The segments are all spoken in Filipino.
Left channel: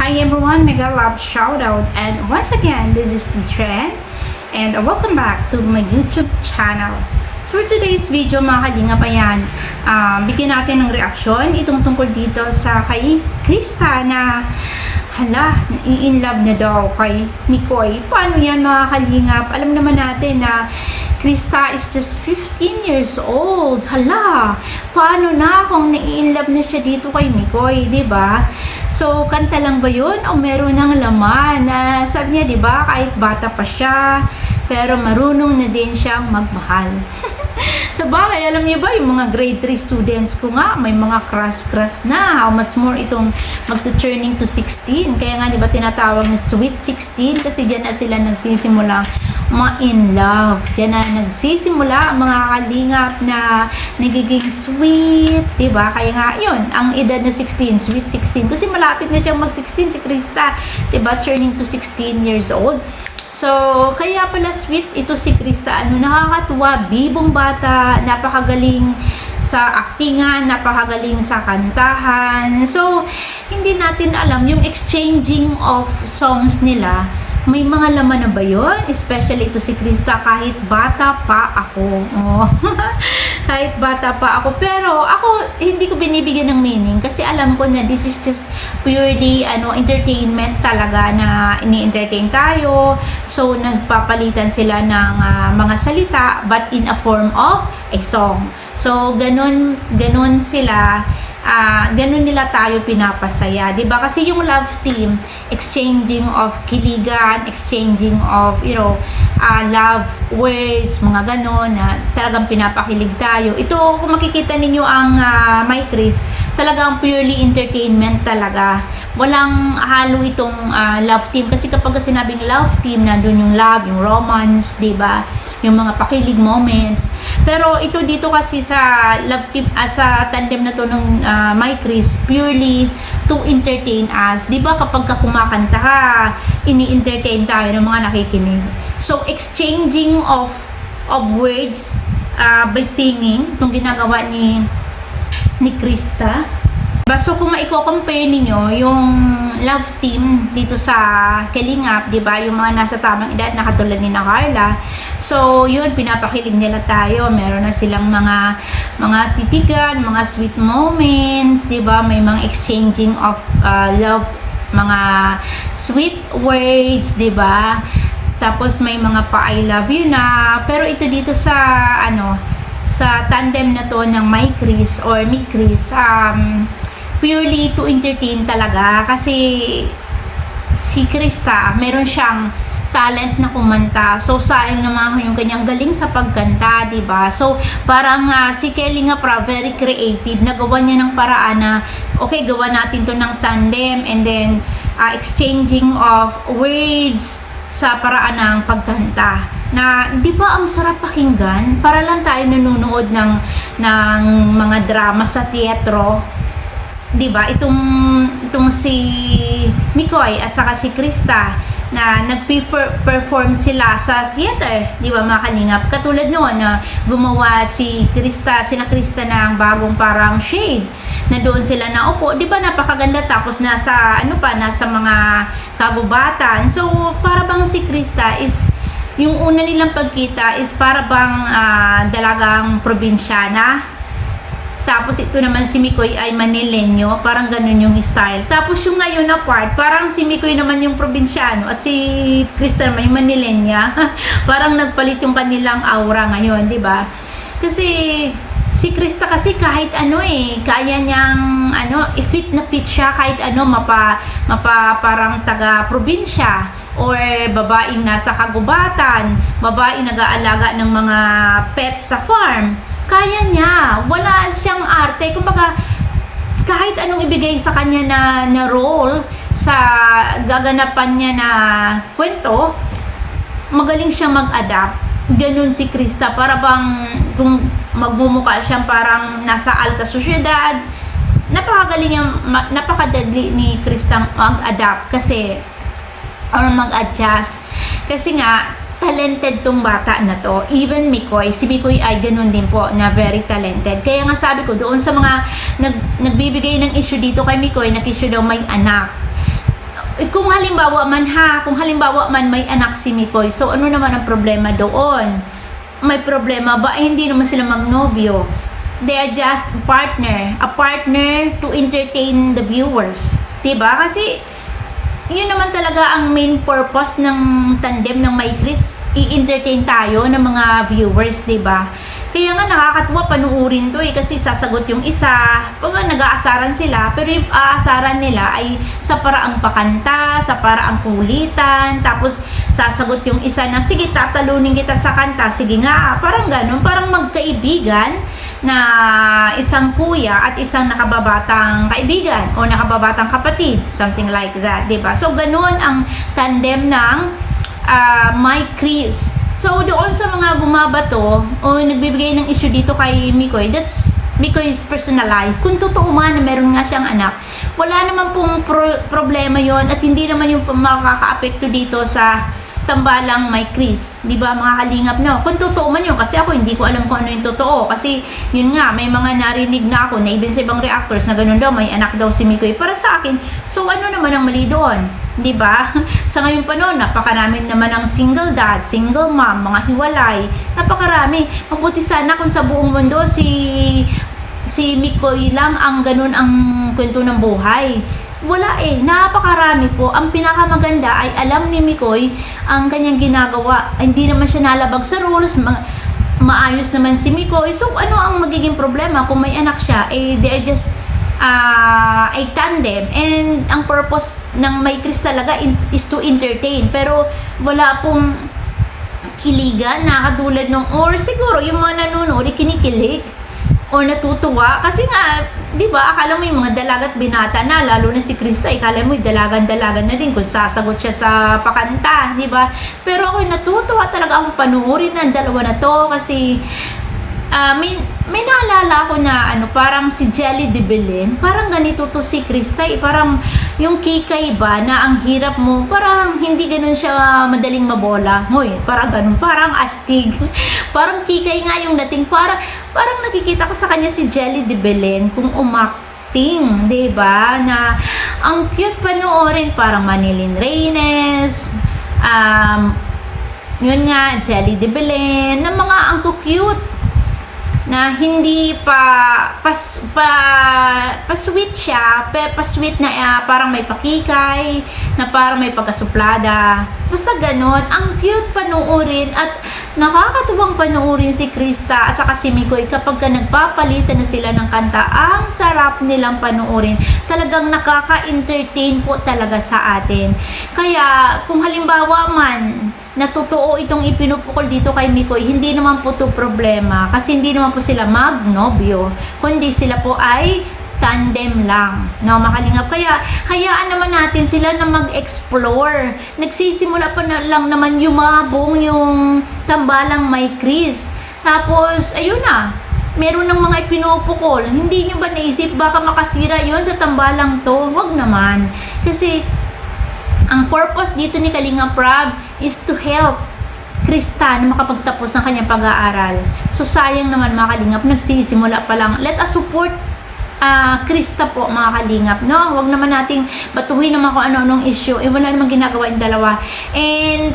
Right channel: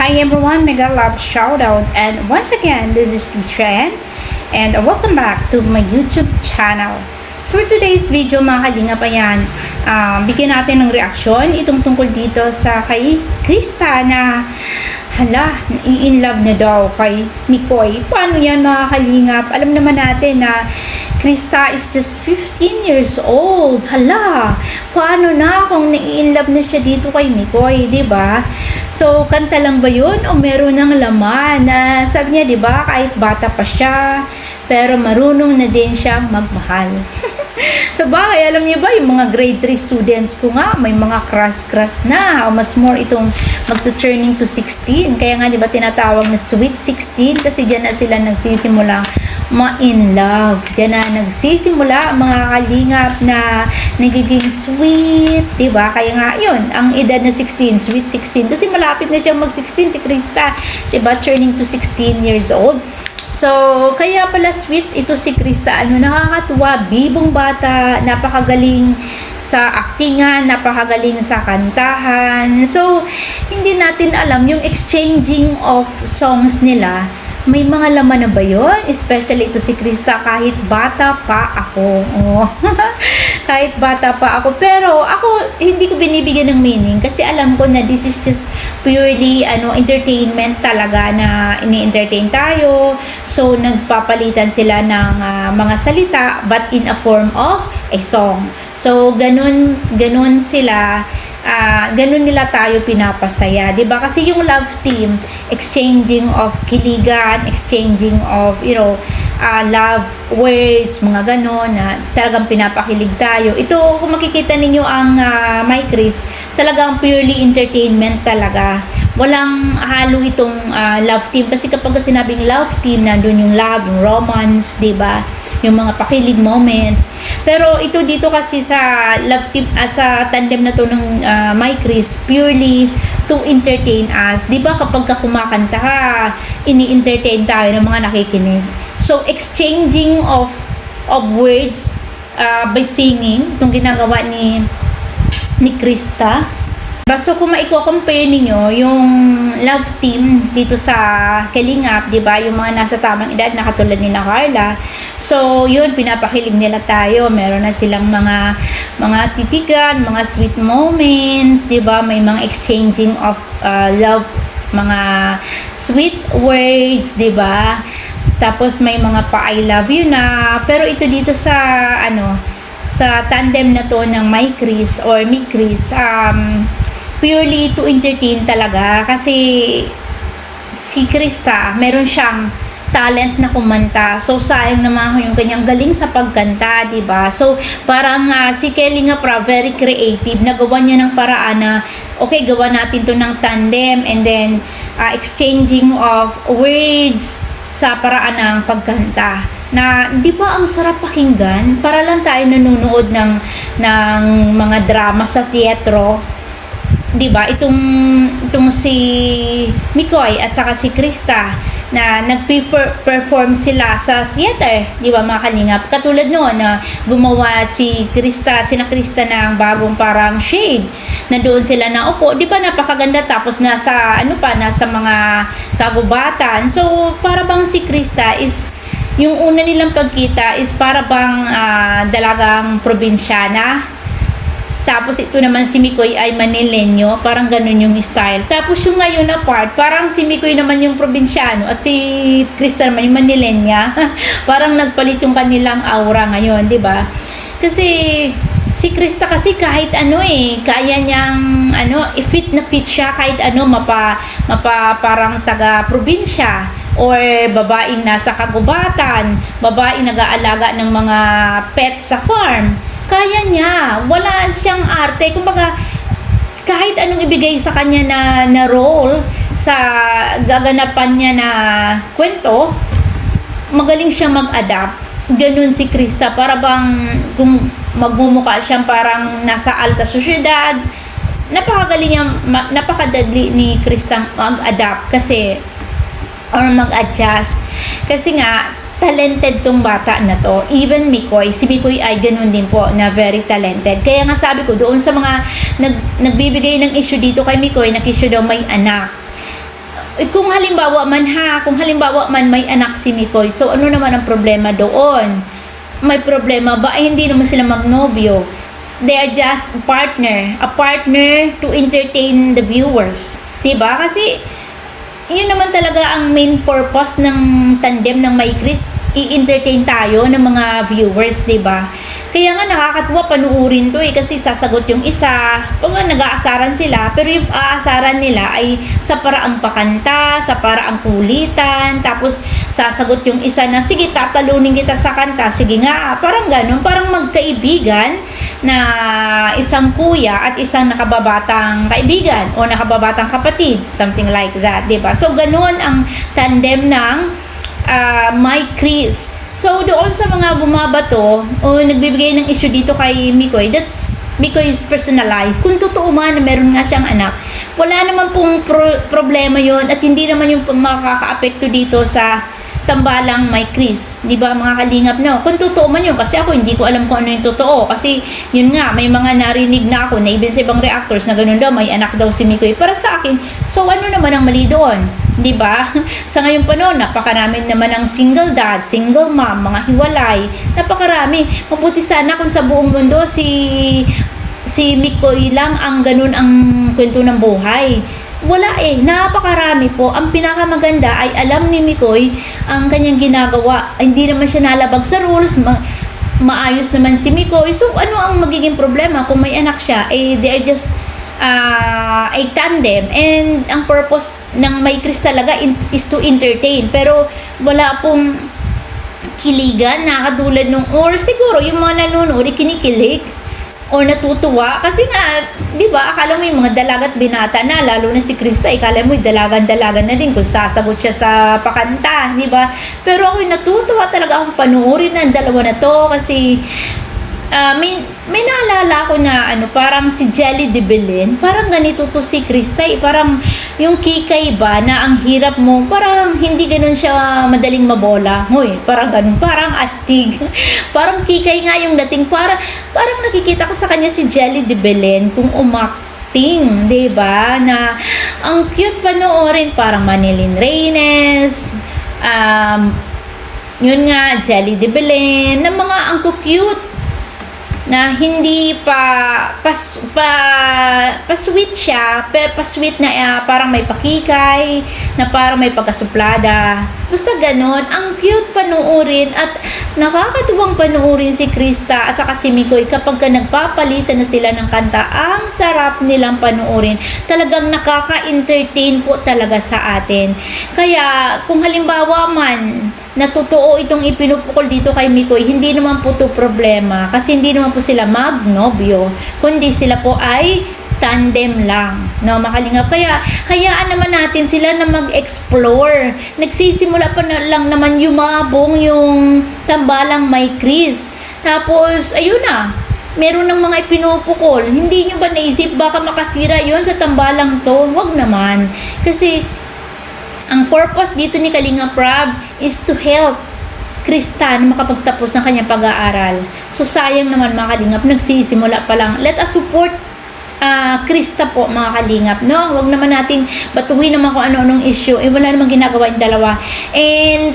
Hi everyone, mega love shout out, and once again this is Teacher and welcome back to my YouTube channel. So for today's video mga kalingap, ayan, bigyan natin ng reaksyon itong tungkol dito sa kay Krista na hala, in love na daw kay Mikoy. Paano yan mga kalingap? Alam naman natin na Krista is just 15 years old. Hala, paano na kung nai-inlove na siya dito kay Mikoy, 'di ba? So, kanta lang ba 'yun o meron ng laman na sabi niya, 'di ba, kahit bata pa siya, pero marunong na din siyang magmahal. Sa bagay, alam niyo ba, yung mga grade 3 students ko nga, may mga crush na. How much more itong magto-turning to 16. Kaya nga, di ba, tinatawag na sweet 16 kasi dyan na sila nagsisimula ma-in love. Dyan na nagsisimula mga kalingap na nagiging sweet, di ba? Kaya nga, yun, ang edad na 16, sweet 16. Kasi malapit na siyang mag-16 si Krista, di ba? Turning to 16 years old. So, kaya pala sweet ito si Krista. Ano, nakakatuwa, bibong bata, napakagaling sa aktingan, napakagaling sa kantahan. So, hindi natin alam yung exchanging of songs nila. May mga laman na ba yun? Especially ito si Krista, kahit bata pa ako. Oh. Kahit bata pa ako. Pero ako, hindi ko binibigyan ng meaning kasi alam ko na this is just purely entertainment talaga na ini-entertain tayo. So, nagpapalitan sila ng mga salita but in a form of a song. So, ganun sila. Ganun nila tayo pinapasaya, 'di ba? Kasi yung love team, exchanging of kiligan, exchanging of, love words, mga ganon na talagang pinapakilig tayo. Ito, kung makikita ninyo ang My Chris, talagang purely entertainment talaga. Walang halo itong love team kasi kapag sinabing love team, nandun yung love, yung romance, 'di ba? Yung mga pakilig moments. Pero ito dito kasi sa love team, sa tandem na to ng My Chris, purely to entertain us. 'Di ba kapag kumakanta ka, ini-entertain tayo ng mga nakikinig. So exchanging of words by singing, itong ginagawa ni Krista. So kung maiko-compare niyo yung love team dito sa Kalingap, 'di ba? Yung mga nasa tamang edad na katulad ni Carla. So, yun, pinapakilig nila tayo. Meron na silang mga titigan, mga sweet moments, 'di ba? May mga exchanging of love, mga sweet words, 'di ba? Tapos may mga pa I love you na. Pero ito dito sa sa tandem na to ng My Chris or Mi Chris, purely to entertain talaga kasi si Krista meron siyang talent na kumanta. So sayang naman yung kanyang galing sa pagkanta, 'di ba? So parang si Kelly nga very creative. Nagawa niya ng paraan na okay, gawa natin 'to ng tandem and then exchanging of words sa paraan ng pagkanta. Na 'di ba ang sarap pakinggan? Para lang tayo nanonood ng mga drama sa teatro. 'Di ba? Itong si Mikoy at saka si Krista na nag-perform sila sa theater, 'di ba mga kalingap? Katulad noon na gumawa sina Krista ng bagong parang shade na doon sila na upo, 'di ba, napakaganda, tapos nasa mga kagubatan. So para bang si Krista is yung una nilang pagkita is para bang dalagang probinsyana. Tapos ito naman si Mikoy ay Manileño, parang ganun yung style. Tapos yung ngayon na part, parang si Mikoy naman yung probinsyano at si Krista naman yung Manilenya. Parang nagpalit yung kanilang aura ngayon, 'di ba? Kasi si Krista kasi kahit kaya niyang fit na fit siya kahit parang taga probinsya or babaeng nasa kagubatan, babaeng nag-aalaga ng mga pets sa farm. Kaya niya, wala siyang arte. Kumbaga, kahit anong ibigay sa kanya na role sa gaganapan niya na kwento, magaling siyang mag-adapt. Ganun si Krista, para bang kung magmumukha siyang parang nasa alta sosyedad, napakadali ni Krista mag-adapt or mag-adjust. Kasi nga, talented tong bata na to. Even si Mikoy ay ganun din po na very talented. Kaya nga sabi ko doon sa mga nagbibigay ng issue dito kay Mikoy, nag-issue daw may anak. kung halimbawa man may anak si Mikoy, so ano naman ang problema doon? May problema ba? Ay, hindi naman sila magnobyo. They are just a partner to entertain the viewers. Diba? Kasi, yun naman talaga ang main purpose ng tandem ng May Chris. I-entertain tayo ng mga viewers, diba? Kaya nga nakakatuwa panuurin to kasi sasagot yung isa, pag nag-aasaran sila, pero yung aasaran nila ay sa paraang pakanta, sa paraang kulitan, tapos sasagot yung isa na, sige tatalunin kita sa kanta, sige nga, parang ganun, parang magkaibigan na isang kuya at isang nakababatang kaibigan o nakababatang kapatid, something like that, diba? So ganun ang tandem ng May Chris. So, doon sa mga bumabato o nagbibigay ng issue dito kay Mikoy, that's Mikoy's personal life. Kung totoo man na meron nga siyang anak, wala naman pong problema yon at hindi naman yung makaka-apekto dito sa tambalang May Chris. Di ba mga kalingap, no? Kung totoo man yun, kasi ako hindi ko alam kung ano yung totoo. Kasi yun nga, may mga narinig na ako na even sa ibang reactors na ganun daw, may anak daw si Mikoy. Para sa akin, so ano naman ang mali doon? Di ba? Sa ngayong panahon, napakarami naman ng single dad, single mom, mga hiwalay. Napakarami. Mabuti sana kung sa buong mundo si Mikoy lang ang ganun ang kwento ng buhay. Wala napakarami po. Ang pinakamaganda ay alam ni Mikoy ang kanyang ginagawa. Hindi naman siya nalabag sa rules. Maayos naman si Mikoy. So, ano ang magiging problema kung may anak siya? They are just a tandem. And ang purpose ng May Chris talaga is to entertain. Pero wala pong kiligan na katulad nung, or siguro yung mga nanonood, kinikilig o natutuwa kasi nga, 'di ba? Akala mo yung mga dalagat binata na, lalo na si Krista, akala mo dalagan-dalagan na din kung sasagot siya sa pakanta, 'di ba? Pero ako natutuwa talaga akong panuorin ng dalawa na to kasi may naalala ko na parang si Jelly de Belen, parang ganito to si Krista, parang yung kikay ba na ang hirap mo, parang hindi ganun siya madaling mabola. Hoy, parang ganun, parang astig. Parang kikay nga yung dating, parang nakikita ko sa kanya si Jelly de Belen kung umakting, 'di ba? Na ang cute panoorin, parang Manilyn Reynes, yun nga, Jelly de Belen, na mga ang cute na hindi pa-sweet siya, pa-sweet na parang may pakikay, na parang may pagkasuplada. Basta ganon, ang cute panuorin at nakakatuwang panuorin si Krista at saka si Mikoy kapag nagpapalitan na sila ng kanta. Ang sarap nilang panuorin. Talagang nakaka-entertain po talaga sa atin. Kaya kung halimbawa man na totoo itong ipinupukol dito kay Mikoy, hindi naman po ito problema kasi hindi naman po sila magnobyo, kundi sila po ay tandem lang, no, makalingap. Kaya hayaan naman natin sila na mag-explore. Nagsisimula pa na lang naman yumabong yung tambalang May Chris, tapos ayun na, meron ng mga ipinupukol. Hindi nyo ba naisip baka makasira yon sa tambalang to? Wag naman, kasi ang purpose dito ni Kalinga Prab is to help Krista na makapagtapos ng kanyang pag-aaral. So sayang naman mga kalingap, nagsisimula pa lang. Let us support Krista po mga kalingap, no? Huwag naman nating batuhin naman kung ano-anong issue. Wala namang ginagawa yung dalawa. And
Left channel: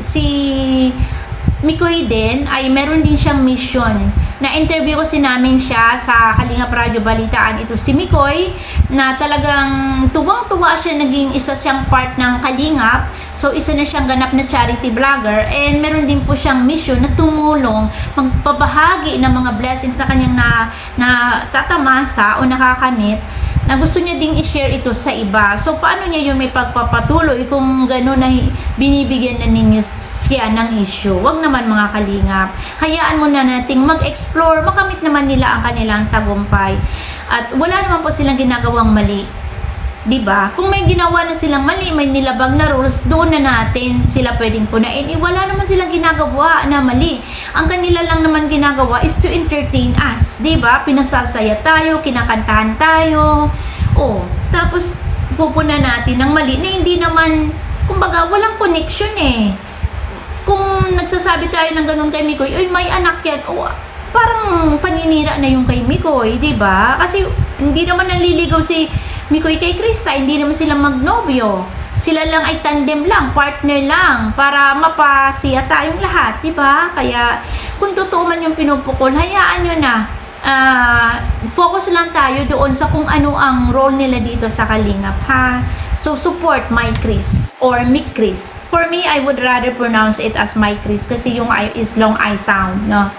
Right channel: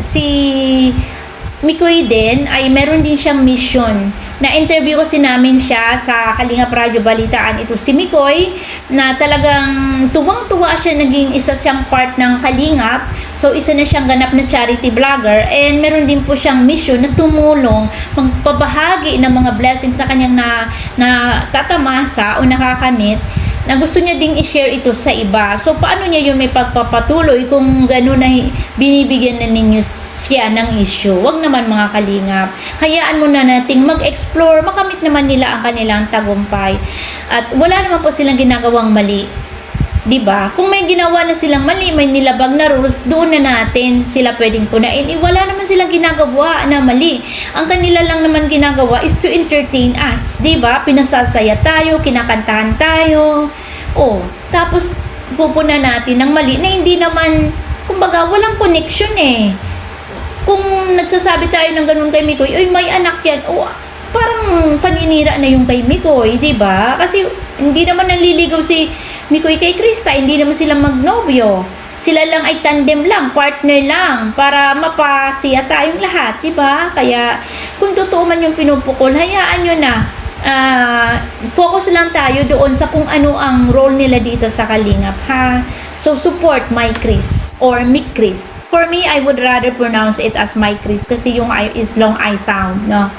si Mikoy din ay meron din siyang mission. Na-interview kasi namin siya sa Kalingap Radio Balitaan. Ito si Mikoy na talagang tuwang-tuwa siya, naging isa siyang part ng Kalingap. So isa na siyang ganap na charity vlogger and meron din po siyang mission na tumulong, magpabahagi ng mga blessings na kanyang natatamasa o nakakamit, na gusto niya ding i-share ito sa iba. So, paano niya yun may pagpapatuloy kung gano'n na binibigyan na ninyo siya ng issue? Wag naman mga kalingap. Hayaan mo na nating mag-explore, makamit naman nila ang kanilang tagumpay. At wala naman po silang ginagawang mali. 'Di ba? Kung may ginawa na silang mali, may nilabag na rules, doon na natin sila pwedeng punain. Wala naman silang ginagawa na mali. Ang kanila lang naman ginagawa is to entertain us, 'di ba? Pinasasaya tayo, kinakantahan tayo. Tapos pupuna natin ng mali na hindi naman, kumbaga, walang connection Kung nagsasabi tayo ng ganun kay Mikoy, "Uy, may anak 'yan." Parang paninira na yung kay Mikoy, 'di ba? Kasi hindi naman nanliligaw si Mikoy kay Krista, hindi naman sila magnobyo. sila lang ay tandem lang, partner lang, para mapasiya tayong lahat, di ba? Kaya, kung totoo man yung pinupukol, hayaan nyo na. Focus lang tayo doon sa kung ano ang role nila dito sa Kalingap, ha? So, support My Chris or Mick Chris. For me, I would rather pronounce it as My Chris kasi yung I is long I sound, no?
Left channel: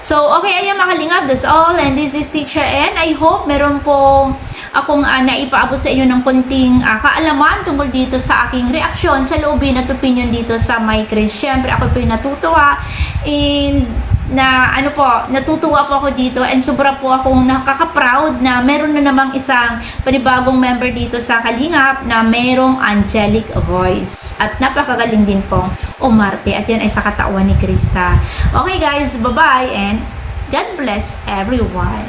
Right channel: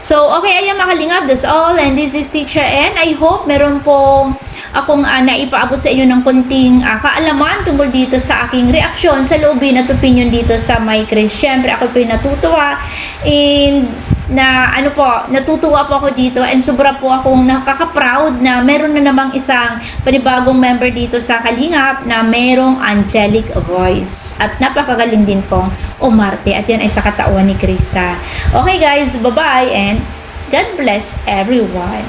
So, okay, ayan mga Kalingap, that's all. And this is Teacher N. I hope meron pong akong naipaabot sa inyo ng konting kaalaman tungkol dito sa aking reaksyon sa loobin at opinion dito sa My Chris. Siyempre, ako po yung natutuwa and natutuwa po ako dito and sobra po akong nakaka-proud na meron na namang isang panibagong member dito sa Kalingap na merong angelic voice at napakagaling din pong umarte at yan ay sa katauhan ni Krista. Okay guys, bye-bye and God bless everyone.